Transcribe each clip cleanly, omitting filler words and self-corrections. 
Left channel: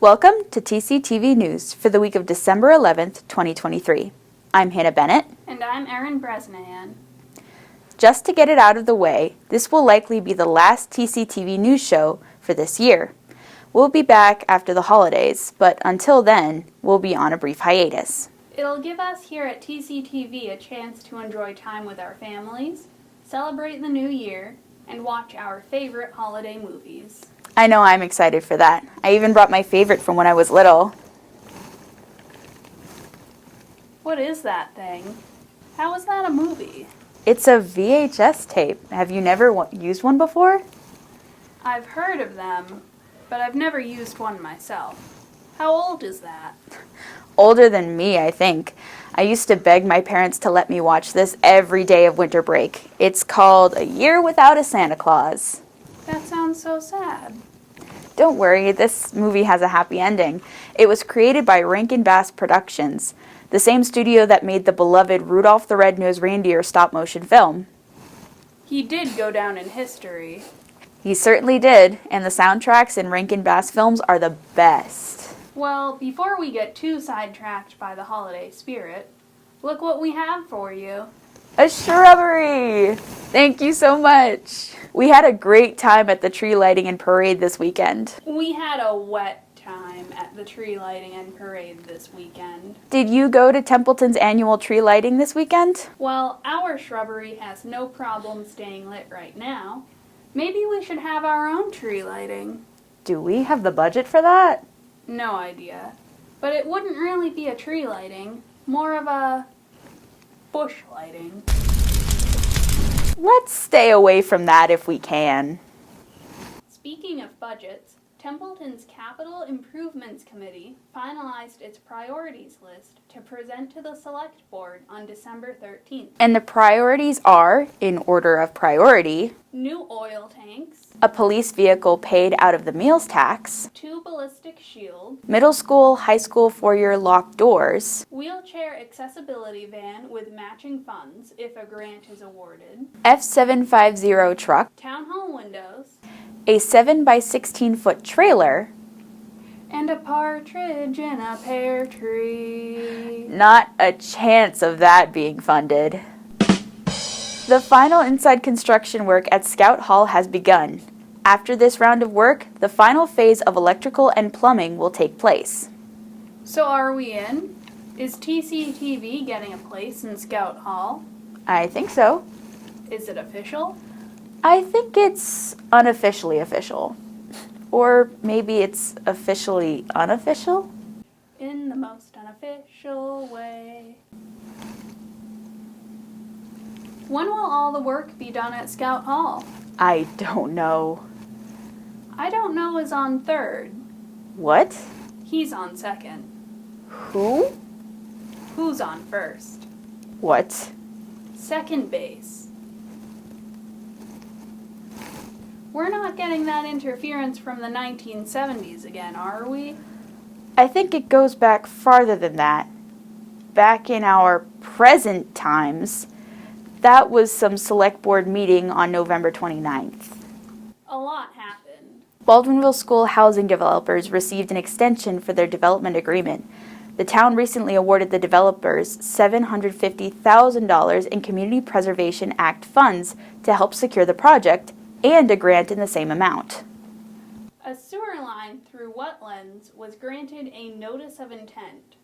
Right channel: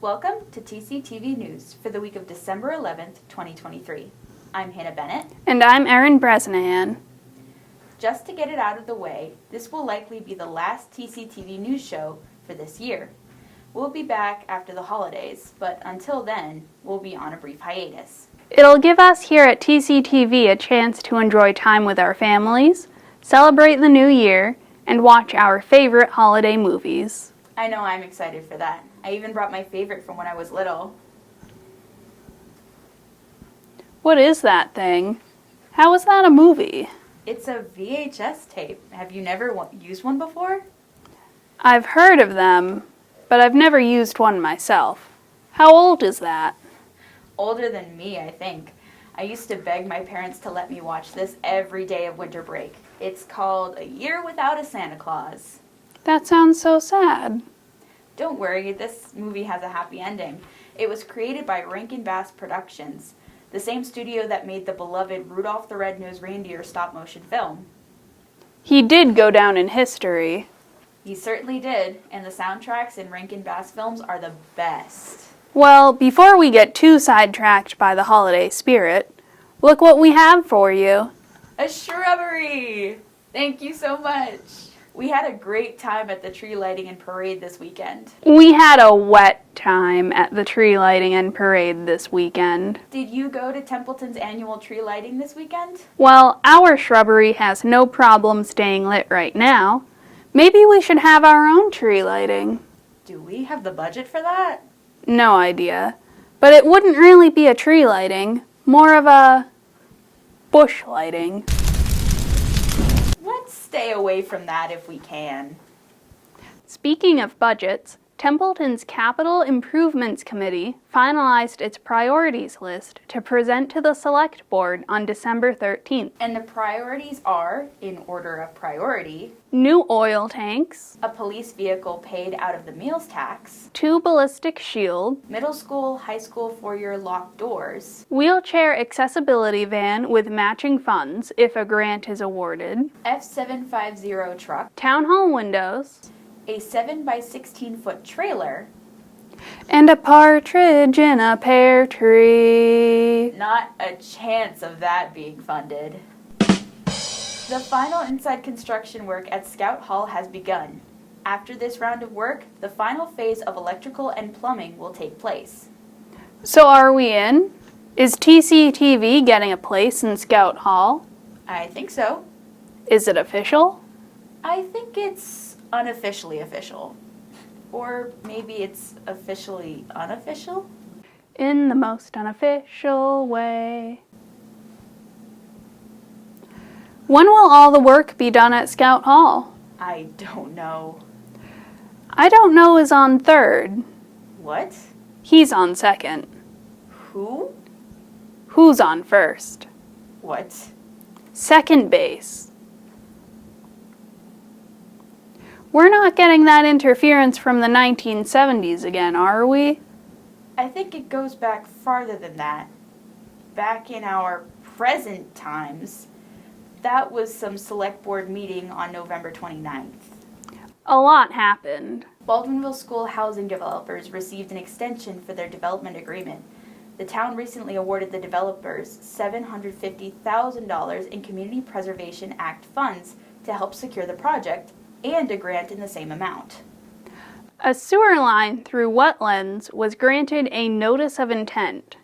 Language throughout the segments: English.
Welcome to TCTV News for the week of December 11th, 2023. I'm Hannah Bennett. And I'm Erin Bresnahan. Just to get it out of the way, this will likely be the last TCTV News show for this year. We'll be back after the holidays, but until then, we'll be on a brief hiatus. It'll give us here at TCTV a chance to enjoy time with our families, celebrate the new year, and watch our favorite holiday movies. I know I'm excited for that. I even brought my favorite from when I was little. What is that thing? How is that a movie? It's a VHS tape. Have you never used one before? I've heard of them, but I've never used one myself. How old is that? Older than me, I think. I used to beg my parents to let me watch this every day of winter break. It's called A Year Without a Santa Claus. That sounds so sad. Don't worry, this movie has a happy ending. It was created by Rankin Bass Productions, the same studio that made the beloved Rudolph the Red-Nosed Reindeer stop-motion film. He did go down in history. He certainly did, and the soundtracks in Rankin Bass films are the best. Well, before we get too sidetracked by the holiday spirit, look what we have for you. A shrubbery! Thank you so much. We had a great time at the tree lighting and parade this weekend. We had a wet time at the tree lighting and parade this weekend. Did you go to Templeton's annual tree lighting this weekend? Well, our shrubbery has no problem staying lit right now. Maybe we should have our own tree lighting. Do we have the budget for that? No idea. But it wouldn't really be a tree lighting, more of a bush lighting. Let's stay away from that if we can. Speaking of budgets, Templeton's Capital Improvements Committee finalized its priorities list to present to the Select Board on December 13th. And the priorities are, in order of priority, new oil tanks, a police vehicle paid out of the meals tax, 2 ballistic shields, middle school, high school foyer locked doors, wheelchair accessibility van with matching funds if a grant is awarded, F750 truck, town hall windows, a 7x16-foot trailer, and a partridge in a pear tree. Not a chance of that being funded. The final inside construction work at Scout Hall has begun. After this round of work, the final phase of electrical and plumbing will take place. So are we in? Is TCTV getting a place in Scout Hall? I think so. Is it official? I think it's unofficially official. Or maybe it's officially unofficial? In the most unofficial way. When will all the work be done at Scout Hall? I don't know. I don't know is on third. What? He's on second. Who? Who's on first? What? Second base. We're not getting that interference from the 1970s again, are we? I think it goes back farther than that. Back in our present times, that was some select board meeting on November 29th. A lot happened. Baldwinville School housing developers received an extension for their development agreement. The town recently awarded the developers $750,000 in Community Preservation Act funds to help secure the project, and a grant in the same amount. A sewer line through wetlands was granted a notice of intent.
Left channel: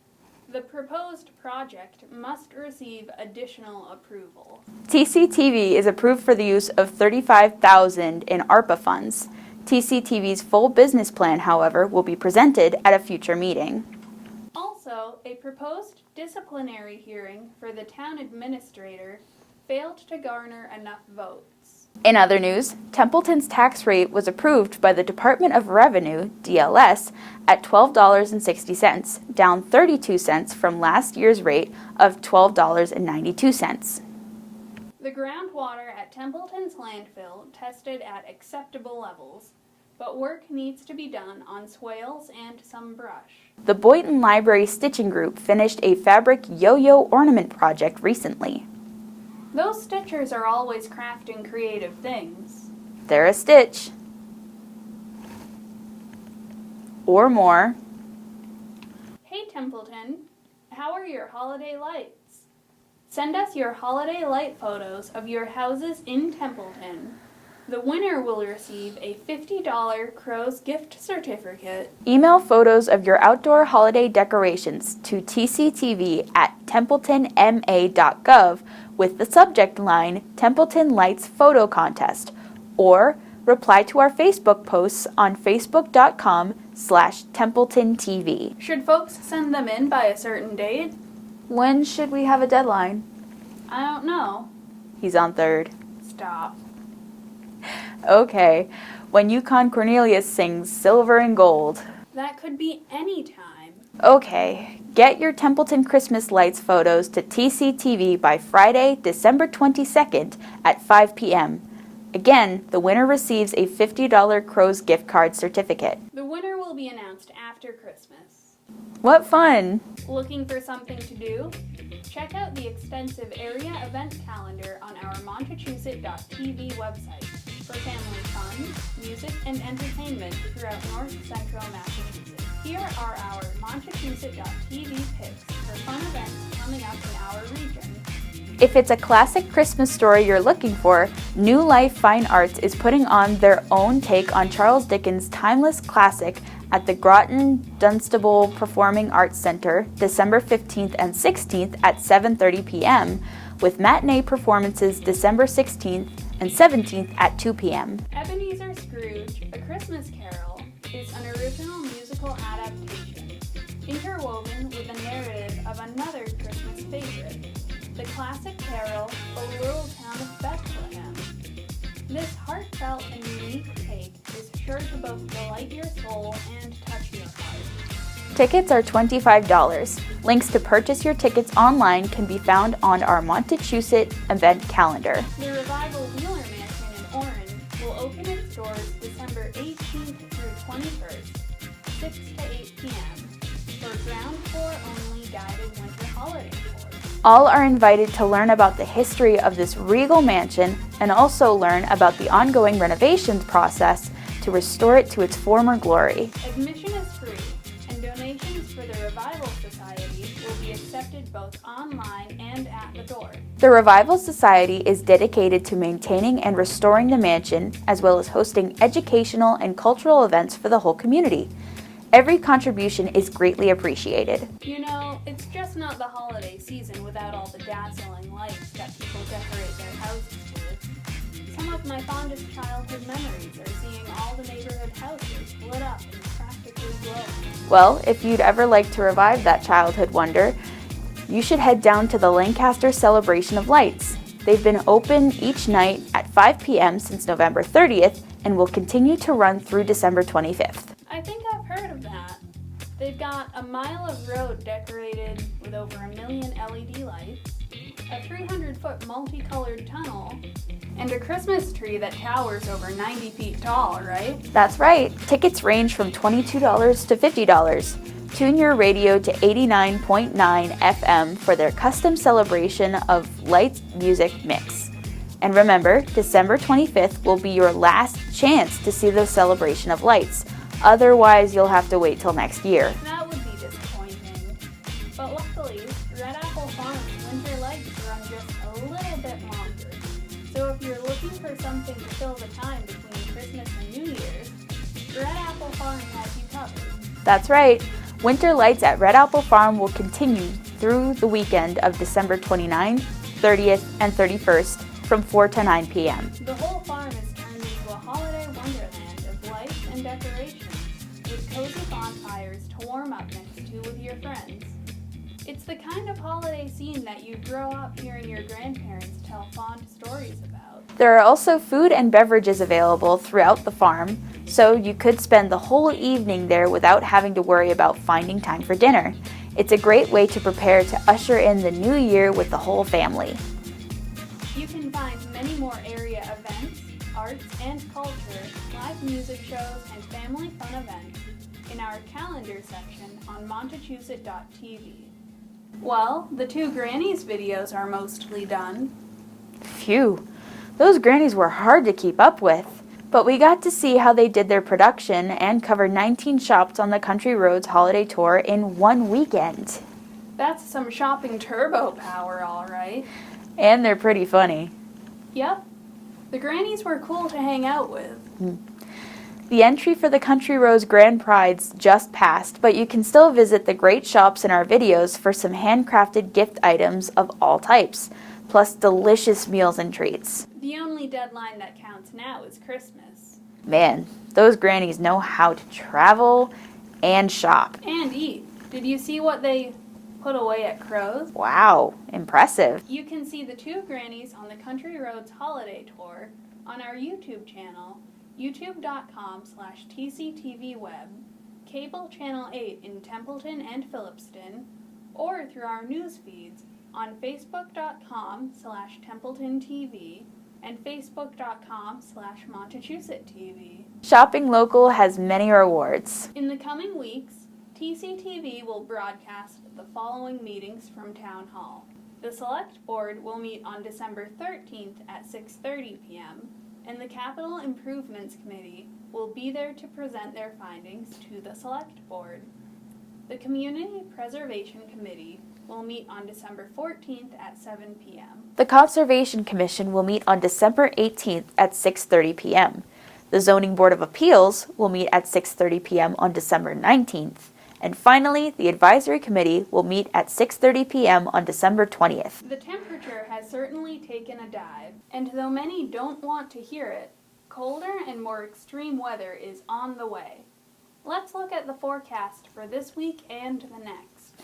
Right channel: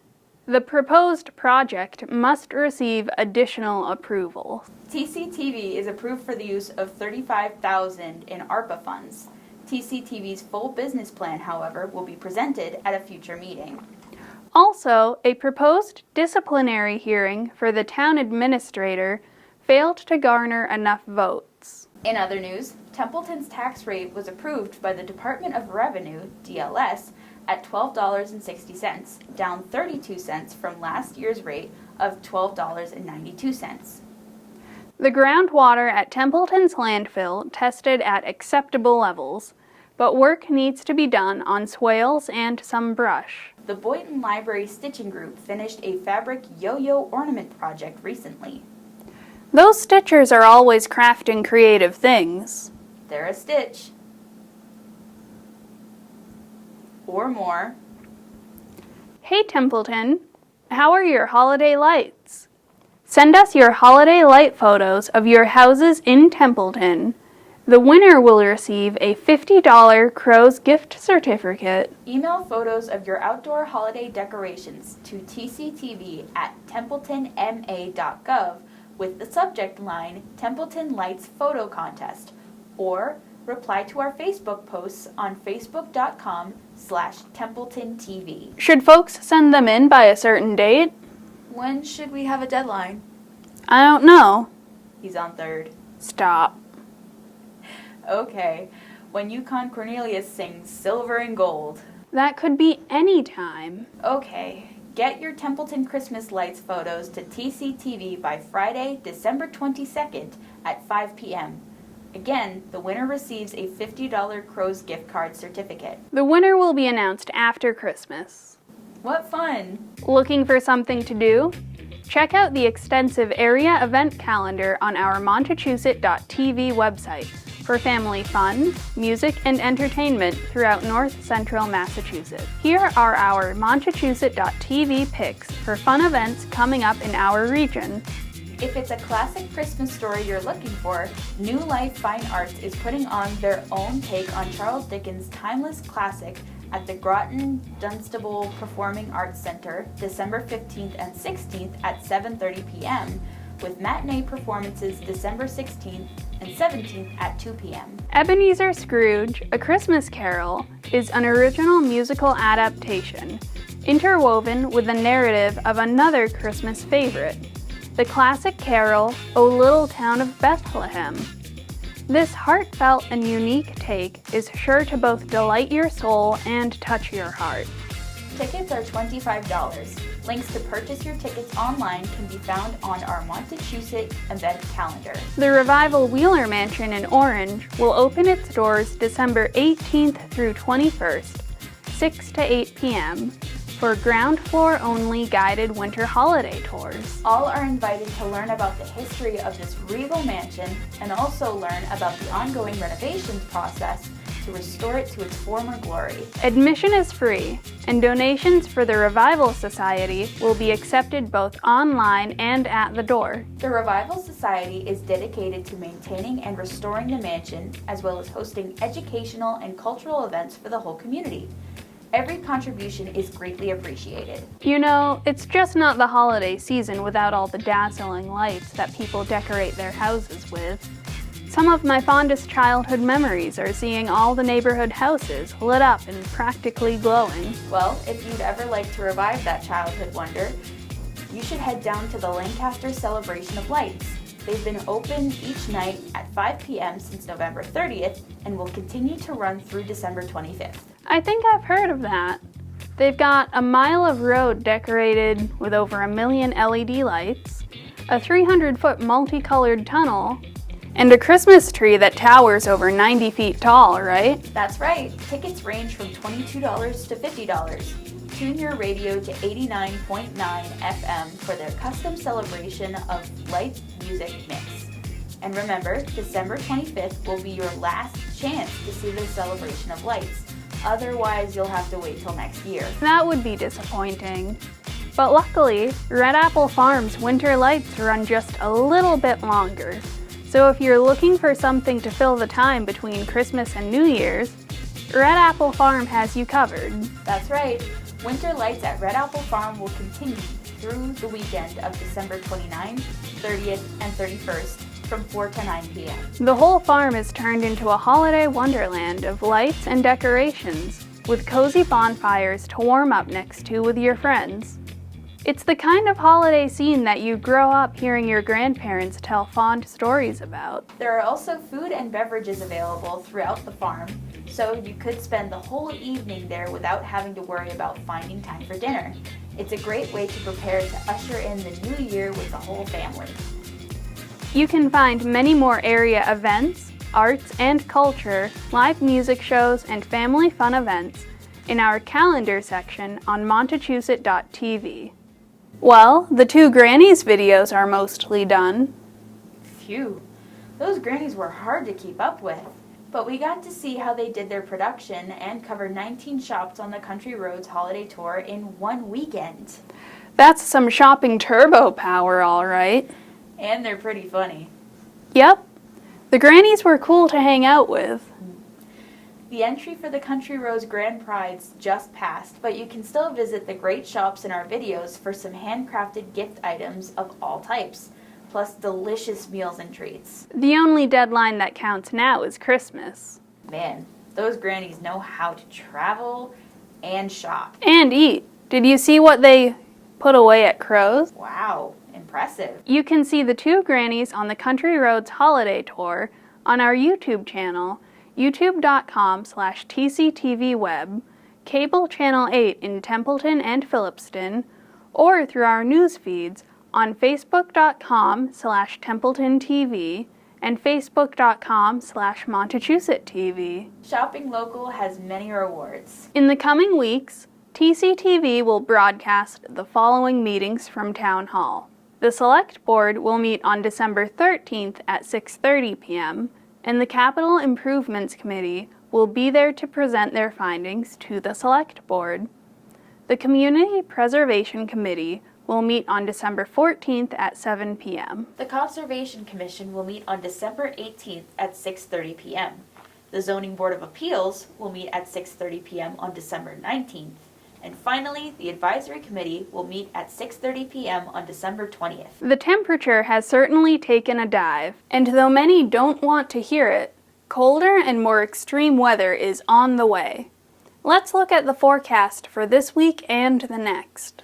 The proposed project must receive additional approval. TCTV is approved for the use of $35,000 in ARPA funds. TCTV's full business plan, however, will be presented at a future meeting. Also, a proposed disciplinary hearing for the town administrator failed to garner enough votes. In other news, Templeton's tax rate was approved by the Department of Revenue, DLS, at $12.60, down 32 cents from last year's rate of $12.92. The groundwater at Templeton's landfill tested at acceptable levels, but work needs to be done on swales and some brush. The Boynton Library Stitching Group finished a fabric yo-yo ornament project recently. Those stitchers are always crafting creative things. They're a stitch. Or more. Hey Templeton, how are your holiday lights? Send us your holiday light photos of your houses in Templeton. The winner will receive a $50 Crows gift certificate. Email photos of your outdoor holiday decorations to tctv@templetonma.gov with the subject line Templeton Lights Photo Contest, or reply to our Facebook posts on facebook.com/TempletonTV. Should folks send them in by a certain date? When should we have a deadline? I don't know. He's on third. Stop. Okay, when Yukon Cornelius sings Silver and Gold. That could be any time. Okay, get your Templeton Christmas lights photos to TCTV by Friday, December 22nd at 5 p.m. Again, the winner receives a $50 Crows gift card certificate. The winner will be announced after Christmas. What fun! Looking for something to do? Check out the extensive area event calendar on our Montechusett.tv website for family fun, music, and entertainment throughout north central Massachusetts. Here are our Montechusett.tv picks for fun events coming up in our region. If it's a classic Christmas story you're looking for, New Life Fine Arts is putting on their own take on Charles Dickens' timeless classic at the Groton Dunstable Performing Arts Center, December 15th and 16th at 7:30 p.m., with matinee performances December 16th and 17th at 2 p.m. Ebenezer Scrooge, A Christmas Carol, is an original musical adaptation, interwoven with the narrative of another Christmas favorite, the classic carol, O Little Town of Bethlehem. This heartfelt and unique take is sure to both delight your soul and touch your heart. Tickets are $25. Links to purchase your tickets online can be found on our Montechusett event calendar. The Revival Wheeler Mansion in Orange will open its doors December 18th through 21st, 6 to 8 p.m. for ground floor only guided winter holiday tours. All are invited to learn about the history of this regal mansion and also learn about the ongoing renovations process to restore it to its former glory. Admission is free, and donations for the Revival Society will be accepted both online and at the door. The Revival Society is dedicated to maintaining and restoring the mansion, as well as hosting educational and cultural events for the whole community. Every contribution is greatly appreciated. You know, it's just not the holiday season without all the dazzling lights that people decorate their houses with. Some of my fondest childhood memories are seeing all the neighborhood houses lit up and practically glowing. Well, if you'd ever like to revive that childhood wonder, you should head down to the Lancaster Celebration of Lights. They've been open each night at 5 p.m. since November 30th and will continue to run through December 25th. I think I've heard of that. They've got a mile of road decorated with over 1 million LED lights, a 300-foot multicolored tunnel, and a Christmas tree that towers over 90 feet tall, right? That's right. Tickets range from $22 to $50. Tune your radio to 89.9 FM for their custom celebration of light music mix. And remember, December 25th will be your last chance to see the celebration of lights. Otherwise, you'll have to wait till next year. That would be disappointing. But luckily, Red Apple Farm's winter lights run just a little bit longer. So if you're looking for something to fill the time between Christmas and New Year's, Red Apple Farm has you covered. That's right. Winter lights at Red Apple Farm will continue through the weekend of December 29th, 30th, and 31st from 4 to 9 p.m. The whole farm is turned into a holiday wonderland of lights and decorations, with cozy bonfires to warm up next to with your friends. It's the kind of holiday scene that you grow up hearing your grandparents tell fond stories about. There are also food and beverages available throughout the farm, so you could spend the whole evening there without having to worry about finding time for dinner. It's a great way to prepare to usher in the new year with the whole family. You can find many more area events, arts and culture, live music shows, and family fun events in our calendar section on Montechusett.tv. Well, the Two Grannies videos are mostly done. Phew, those grannies were hard to keep up with. But we got to see how they did their production and cover 19 shops on the Country Roads holiday tour in one weekend. That's some shopping turbo power, all right. And they're pretty funny. Yep. The Grannies were cool to hang out with. The entry for the Country Roads Grand Prides just passed, but you can still visit the great shops in our videos for some handcrafted gift items of all types, plus delicious meals and treats. The only deadline that counts now is Christmas. Man, those grannies know how to travel and shop. And eat. Did you see what they put away at Crow's? Wow, impressive. You can see the Two Grannies on the Country Roads holiday tour on our YouTube channel, youtube.com/TCTVweb, cable channel 8 in Templeton and Phillipston, or through our news feeds on facebook.com/TempletonTV and facebook.com/MontechusetTV. Shopping local has many rewards. In the coming weeks, TCTV will broadcast the following meetings from Town Hall. The Select Board will meet on December 13th at 6:30 p.m., and the Capital Improvements Committee will be there to present their findings to the Select Board. The Community Preservation Committee will meet on December 14th at 7 p.m. The Conservation Commission will meet on December 18th at 6:30 p.m. The Zoning Board of Appeals will meet at 6:30 p.m. on December 19th. And finally, the Advisory Committee will meet at 6:30 p.m. on December 20th. The temperature has certainly taken a dive, and though many don't want to hear it, colder and more extreme weather is on the way. Let's look at the forecast for this week and the next.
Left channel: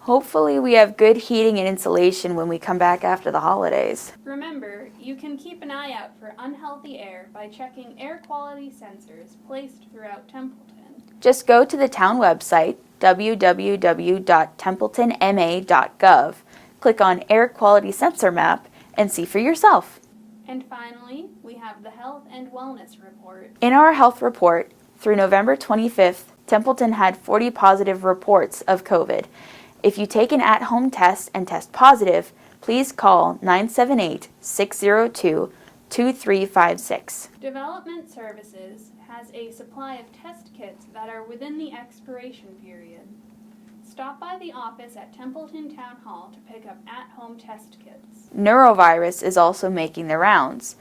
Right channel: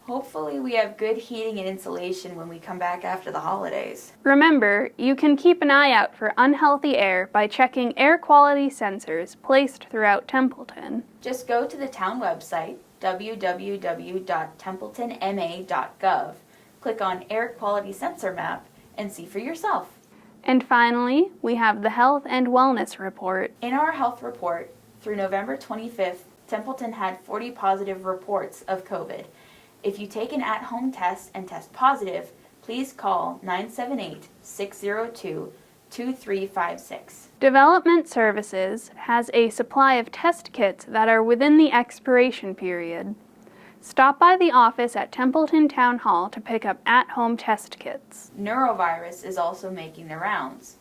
Hopefully we have good heating and insulation when we come back after the holidays. Remember, you can keep an eye out for unhealthy air by checking air quality sensors placed throughout Templeton. Just go to the town website, www.templetonma.gov, click on Air Quality Sensor Map, and see for yourself. And finally, we have the Health and Wellness Report. In our health report, through November 25th, Templeton had 40 positive reports of COVID. If you take an at-home test and test positive, please call 978-602-2356. Development Services has a supply of test kits that are within the expiration period. Stop by the office at Templeton Town Hall to pick up at-home test kits. Neurovirus is also making the rounds.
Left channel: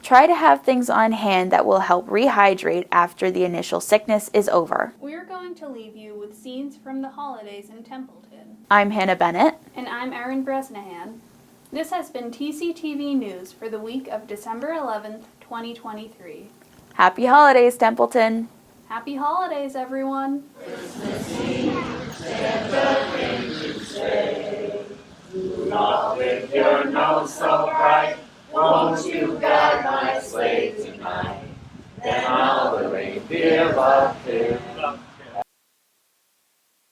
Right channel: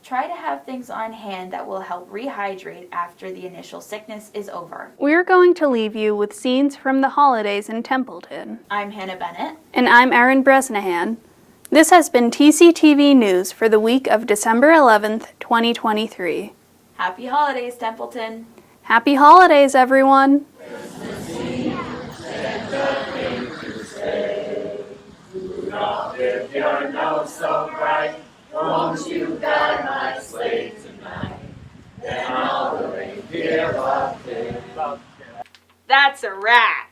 Try to have things on hand that will help rehydrate after the initial sickness is over. We're going to leave you with scenes from the holidays in Templeton. I'm Hannah Bennett. And I'm Erin Bresnahan. This has been TCTV News for the week of December 11th, 2023. Happy holidays, Templeton. Happy holidays, everyone. Do not lift your nose so bright. Won't you guide my sleigh tonight? Then all the reindeer up there. That's a wrap.